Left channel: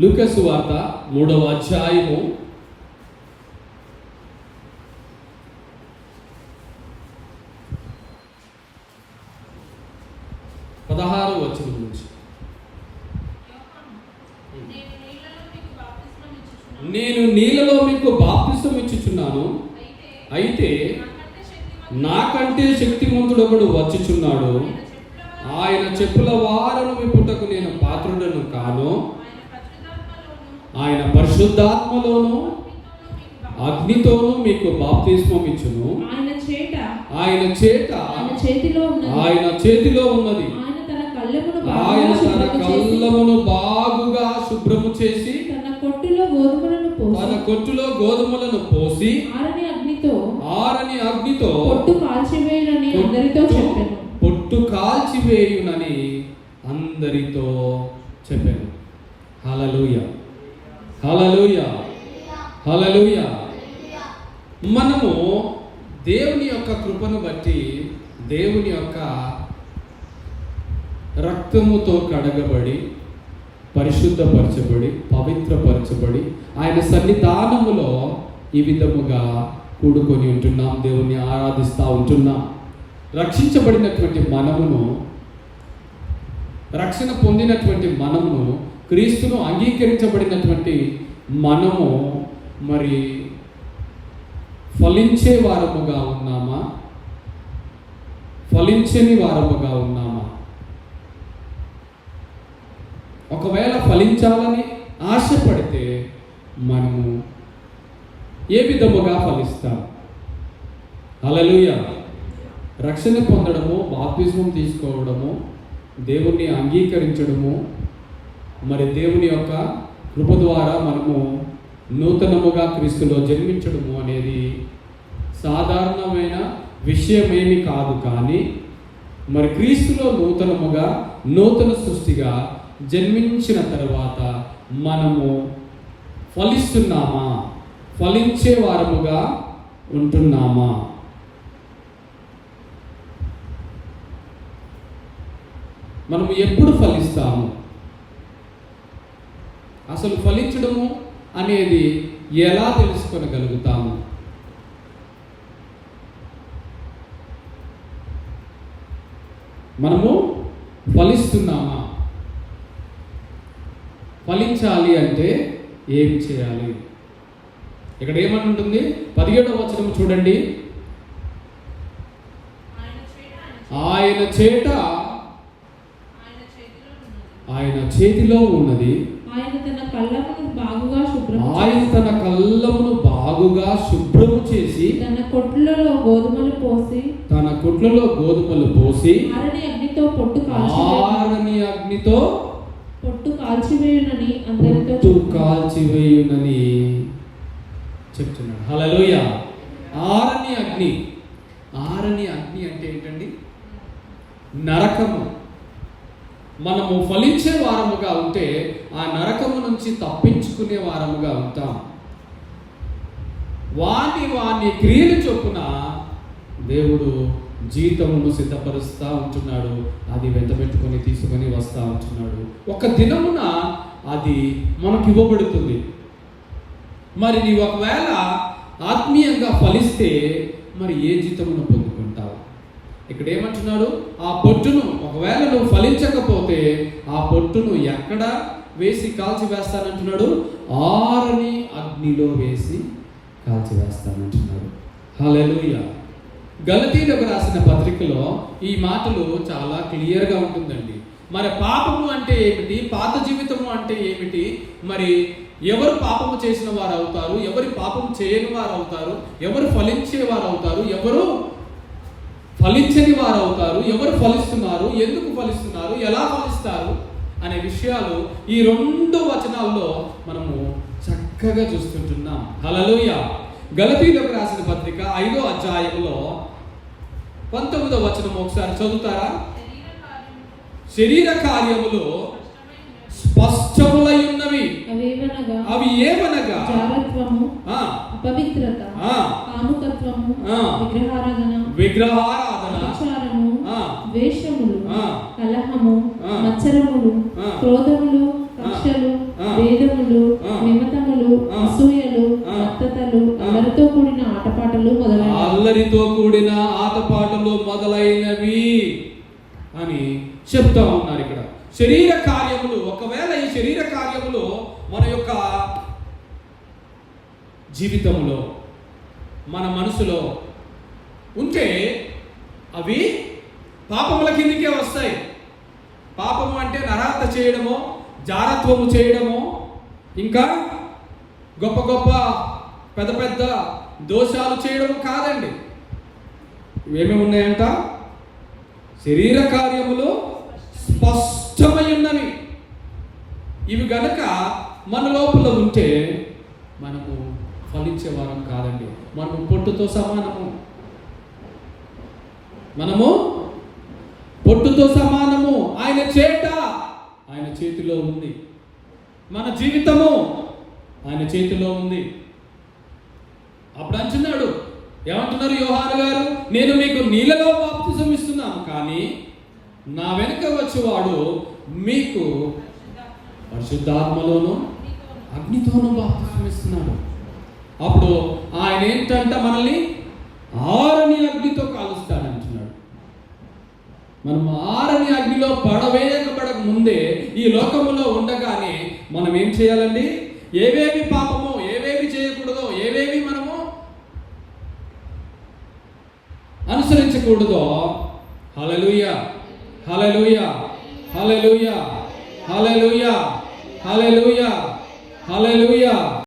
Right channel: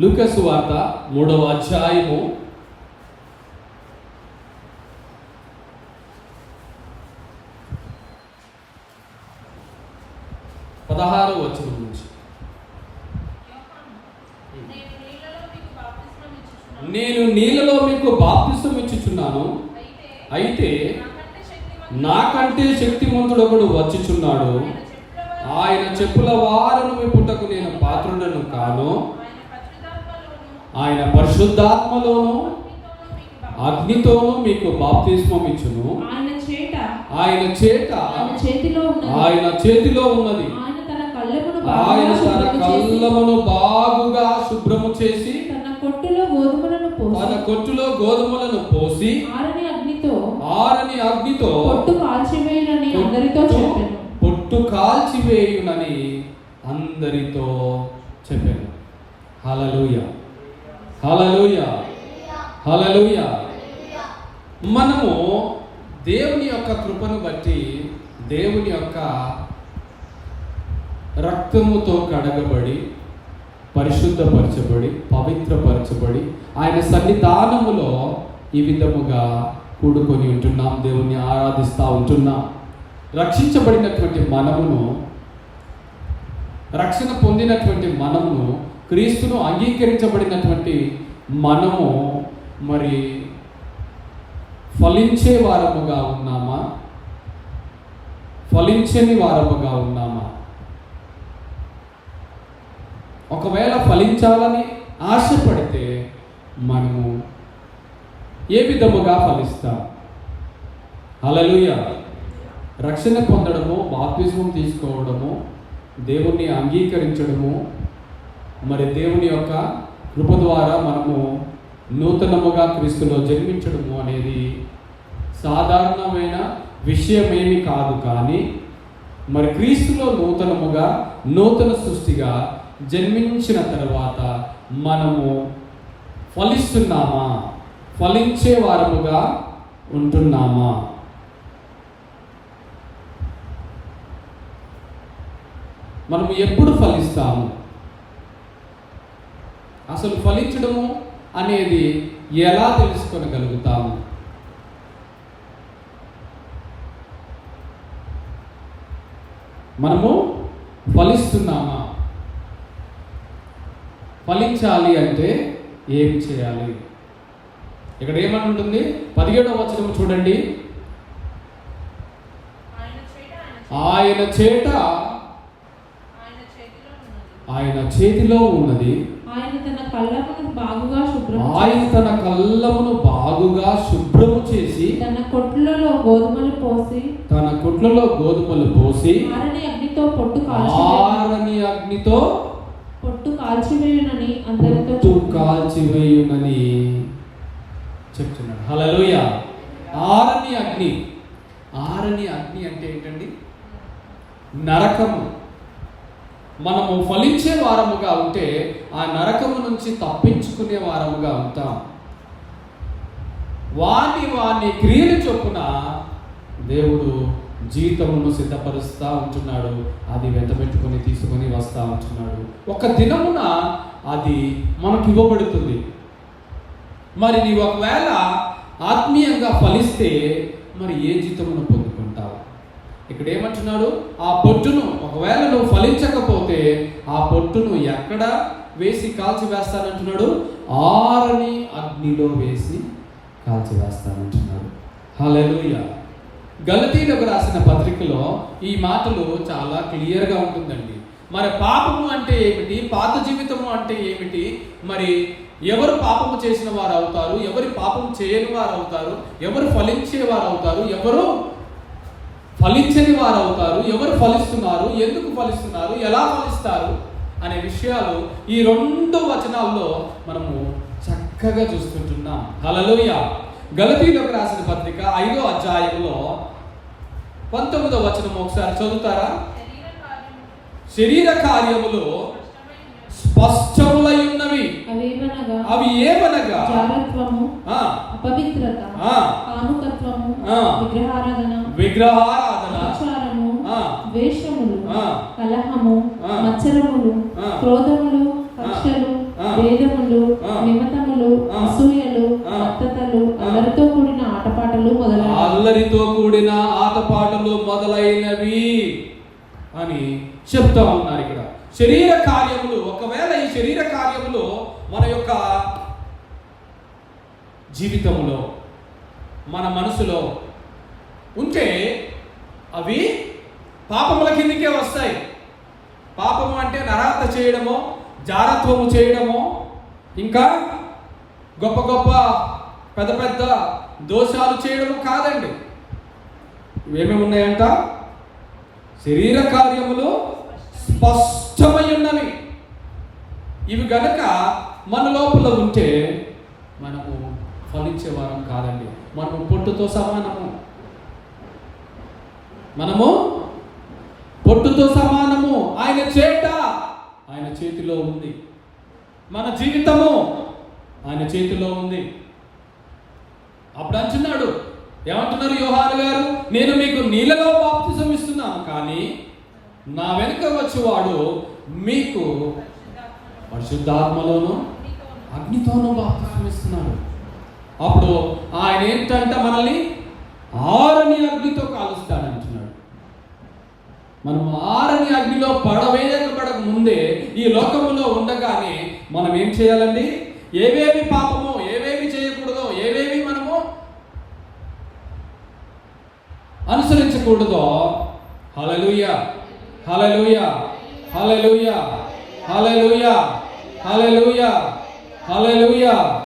లూకా సువార్త 3వ అధ్యాయము 16వ వచనం నుంచి. నేను నీళ్ళలో మీకు బాప్తిస్మం ఇచ్చుచున్నాను, అయితే నాకంటే శక్తిమంతుడొకడు వచ్చుచున్నాడు, ఆయన చెప్పుల వారను విప్పుటకు నేను పాత్రుడను కాను, ఆయన పరిశుద్ధాత్మలోను అగ్నితోను మీకు బాప్తిస్మం ఇచ్చును. ఆయన చేతిలో ఉన్నది. ఆయన తన కళ్ళమును బాగుగా శుభ్రము చేసి తన కొట్టులో గోధుమలను పోసి ఆరని అగ్నితో పొట్టు కాల్చివేయునని అందరితో చెప్పాను. హల్లెలూయా, హల్లెలూయా, హల్లెలూయా. మనము దేవుని యొక్క కృపను బట్టి, దేవుని యొక్క రక్తముతో కడగబడి, పరిశుద్ధపరచబడి, పవిత్రపరచబడి, ఆయన సన్నిధానములో ఈ విధముగా కూడుకొని ఉంటున్నాం, దేవుని ఆరాధిస్తూ ఉంటున్నాం. రక్షించబడినటువంటి మనమును, రక్షణ పొందినటువంటి మనమును, క్రీస్తును అంగీకరించబడినటువంటి మనము మరి ఫలించే వారముగా ఉన్నామా, ఫలించని వారముగా ఉన్నామా? ఒకవేళ ఫలించాలని ఆశపడితే మనము ఏ విధముగా ఫలిస్తాం? హల్లెలూయా. రక్షణ పొందడము, బాప్తిస్మం తీసుకోవడము, దేవుణ్ణి అంగీకరించడము, మరి దేవుని యొక్క కృప ద్వారా మనము నూతనముగా క్రీస్తులో జన్మించడము అనేది సాధారణమైన విషయమేమి కాదు. కానీ మరి క్రీస్తులో నూతనముగా, నూతన సృష్టిగా జన్మించిన తర్వాత మనము ఫలిస్తున్నామా, ఫలించే వారముగా ఉంటున్నామా? మనము ఎప్పుడు ఫలిస్తాము? అసలు ఫలించడము అనేది ఎలా తెలుసుకోగలుగుతాము? మనము ఫలిస్తున్నామా? ఫలించాలి అంటే ఏం చేయాలి? ఇక్కడ ఏమంటుంది? 17వ వచనం చూడండి. ఆయన చేతిలో ఉన్నది. ఆయన తన కళ్ళమును బాగుగా శుభ్రము చేసి తన కొట్లలో గోధుమలు పోసి ఆరని అగ్నితో పొట్టు కాల్చివేయునని చెప్తున్నాడు. హల్లెలూయా. ఆరని అగ్ని అంటే ఏంటండి? నరకము. మనము ఫలించే వారముగా ఉంటే ఆ నరకము నుంచి తప్పించుకునే వారముగా ఉంటాం. వాని క్రియలు చొప్పున దేవుడు జీవితమును సిద్ధపరుస్తూ ఉంటున్నాడు. అది వెంటబెట్టుకొని తీసుకొని వస్తూ ఉంటున్నాడు. ఒక దినమున అది మనకు ఇవ్వబడుతుంది. మరి నీవు ఒకవేళ ఆత్మీయంగా ఫలిస్తే మరి ఏ జీవితమును పొందుకుంటావు? ఇక్కడ ఏమంటున్నాడు? ఆ పొట్టును ఒకవేళ నువ్వు ఫలించకపోతే ఆ పొట్టును ఎక్కడ వేసి కాల్చివేస్తానంటున్నాడు? ఆరని అగ్నిలో వేసి కాల్చివేస్తానంటున్నాడు. హల్లెలూయా. గలతీయులకు రాసిన పత్రికలో ఈ మాటలు చాలా క్లియర్గా ఉంటుందండి. మరి పాపము అంటే ఏమిటి, పాత జీవితము అంటే ఏమిటి, మరి ఎవరు పాపము చేసిన వారు అవుతారు, ఎవరు పాపము చేయని వారు అవుతారు, ఎవరు ఫలించే వారు అవుతారు, ఎవరు ఫలించని వారు అవుతారు, ఎవరు ఫలిస్తున్నారు, ఎందుకు ఫలిస్తున్నారు, ఎలా ఫలిస్తారు అనే విషయాలు ఈ 2 వచనాల్లో మనము చక్కగా చూస్తుంటున్నాం. హల్లెలూయా. గలతీయులకు రాసిన పత్రిక 5వ అధ్యాయంలో 19వ వచనం ఒకసారి చదువుతారా? శరీర కార్యములు స్పష్టములై ఉన్నవి. అవి ఏమనగా అపవిత్రత, కాముకత్వము, విగ్రహారాధన, ద్వేషములు, కలహము, మత్సరములు, క్రోధములు, కక్షలు, భేదములు, శరీర కార్యములు మన యొక్క జీవితంలో, మన మనసులో ఉంటే అవి పాపముల కిందికే వస్తాయి. పాపము అంటే నరహత్య చేయడము, జారత్వము చేయడము, ఇంకా గొప్ప గొప్ప పెద్ద పెద్ద దోషాలు చేయడము కాదండి. ఇవేమి ఉన్నాయంట? శరీర కార్యములు స్పష్టమై ఉన్నవి. ఇవి గనక మన లోపల ఉంటే మనము ఫలించే వారం కాదండి. మనము పొట్టుతో సమానము. మనము పొట్టుతో సమానము. ఆయన చేత ఆయన చేతిలో ఉంది. మన జీవితము ఆయన చేతిలో ఉంది. అప్పుడు అంటున్నాడు, ఏమంటున్నారు యోహాను గారు? నేను మీకు నీళ్ళలో బాప్తిసం ఇస్తున్నాను, కానీ నా వెనుక వచ్చేవాడు మీకు పరిశుద్ధాత్మలోను అగ్నితోనూ బాప్తిసం ఇస్తున్నాడు. అప్పుడు ఆయన ఏంటంటే మనల్ని ఆరని అగ్నితో కాలుస్తాడంటున్నాడు. మనం ఆరని అగ్నిలో పడవేయబడక ముందే ఈ లోకములో ఉండగానే మనం ఏం చేయాలండి? ఏవేవి పాపమో, ఏవేవి చేయకూడదో, ఏవేవి మనము అనుసరించకూడదో, హల్లెలూయా హల్లెలూయా హల్లెలూయా హల్లెలూయా హల్లెలూయా హల్లెలూయా